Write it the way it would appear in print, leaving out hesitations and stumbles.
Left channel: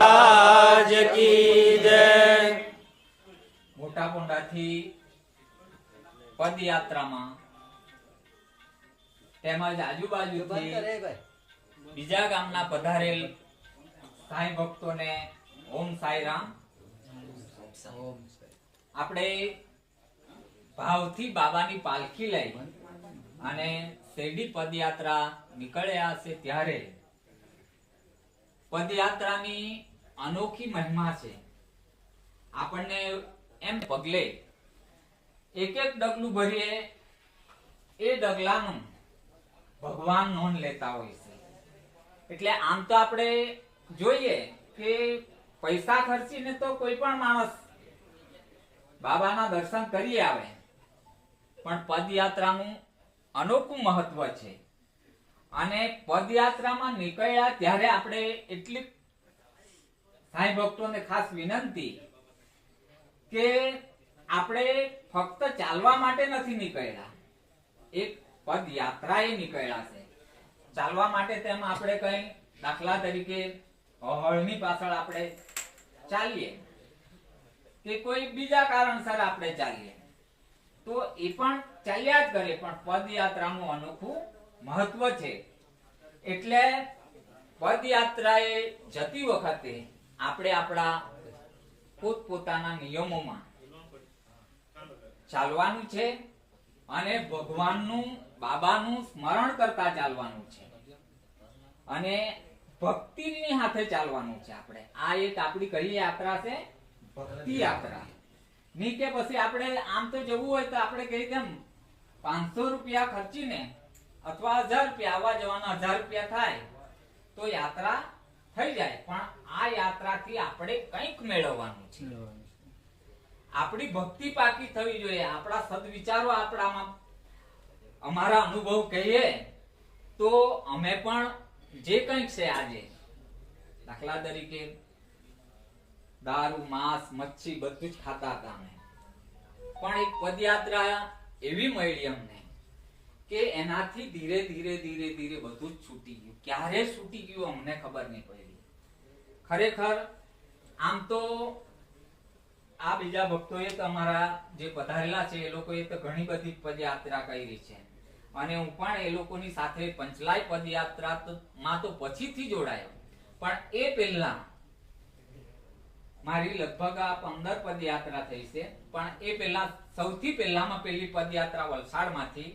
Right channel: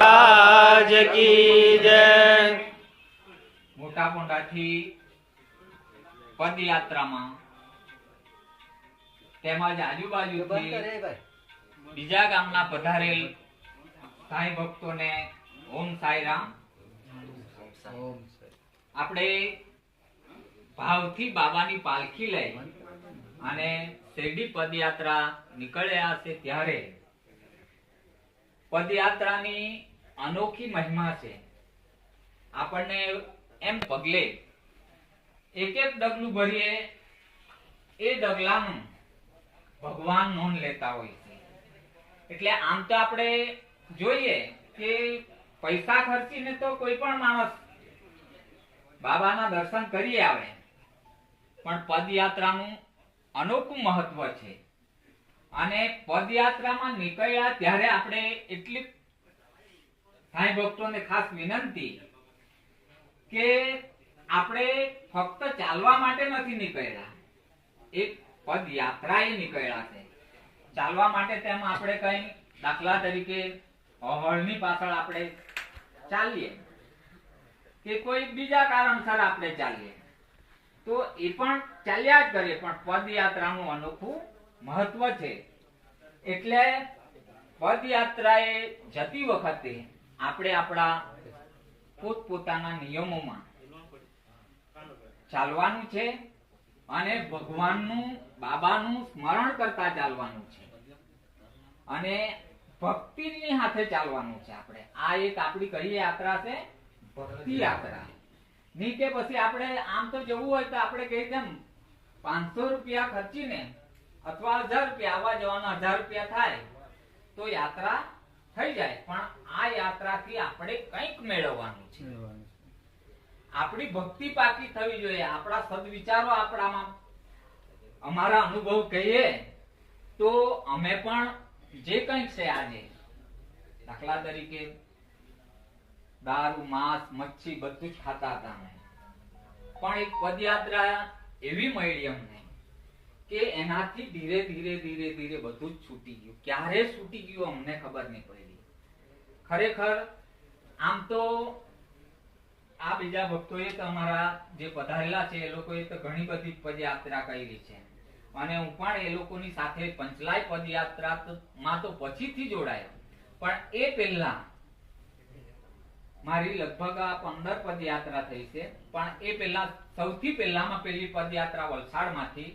રાજ કી જય। મોટા પોંડાથી પદયાત્રામાં તેમજ આજુબાજુથી બીજા ગામના પધારેલ સાંઈ ભક્તોને ઓમ સાઈ રામ। આપણે ભાવથી બાબાની પાલખી લઈ અને શેરડી પદયાત્રા નીકળ્યા છે ત્યારે પદયાત્રાની અનોખી મહિમા છે। આપણને એમ પગલે એક એક ડગલું ભરીએ એ ડગલાનું ભગવાન નોંધ લેતા હોય છે। એટલે આમ તો આપણે જોઈએ કે પૈસા ખર્ચીને તો કોઈ પણ માણસ બાબાના દર્શન કરી આવે, પણ પદયાત્રાનું અનોખું મહત્વ છે। અને પદયાત્રામાં નીકળ્યા ત્યારે આપણે એટલી સાંઈ ભક્તોને ખાસ વિનંતી કે આપણે ફક્ત ચાલવા માટે નથી નીકળ્યા, એક પદયાત્રાએ નીકળ્યા છે। ચાલવા માટે તેમ આપણે કઈ દાખલા તરીકે હળની પાછળ આપણે ચાલીએ કે કોઈ બીજા કારણસર આપણે ચાલીએ તો એ પણ ચાલ્યા જ કરીએ, પણ પદયાત્રાનું અનોખું મહત્વ છે। એટલે પદયાત્રાએ જતી વખતે આપણે આપણા પોતપોતાના નિયમોમાં ચાલવાનું છે અને ભગવાનનું બાબાનું સ્મરણ કરતા ચાલવાનું છે અને ભક્તિની સાથે ચાલવાનું છે। આપણે આ એક આપણી કઈ યાત્રા છે? ભક્તિ યાત્રા। ની કે પછી આપણે આમ તો જવું હોય તો આપણે કહી તેમ 500 રૂપિયા ખર્ચીને અથવા 1000 રૂપિયા આવવા જવાના 1000 રૂપિયા થાય તો યાત્રા થઈ જાય, પણ આ યાત્રાથી આપણે કંઈક મેળવવાનું છે। આપણી ભક્તિ પાકી થવી જોઈએ, આપણા સદવિચારો આપણામાં, અમારા અનુભવ કહીએ તો અમે પણ જે કંઈક છે આજે દાખલા તરીકે દારૂ, માંસ, મચ્છી બધું જ ખાતા હતા અમે, પણ એક પદયાત્રા એવી મળી અમને કે એનાથી ધીરે ધીરે ધીરે ધીરે બધું જ છૂટી ગયું। ક્યારે છૂટી ગયું અમને ખબર નહીં પડી। ખરેખર આમ તો આ બીજા ભક્તોએ તો અમારા જે પધારેલા છે એ લોકોએ તો ઘણી બધી પદયાત્રા કરી છે અને હું પણ એ લોકોની સાથે પંચલાય પદયાત્રા માં તો પછીથી જોડાયો, પણ એ પહેલા મારી લગભગ આ 15 પદયાત્રા થઈ છે, પણ એ પહેલા સૌથી પહેલામાં પહેલી પદયાત્રા વલસાડમાંથી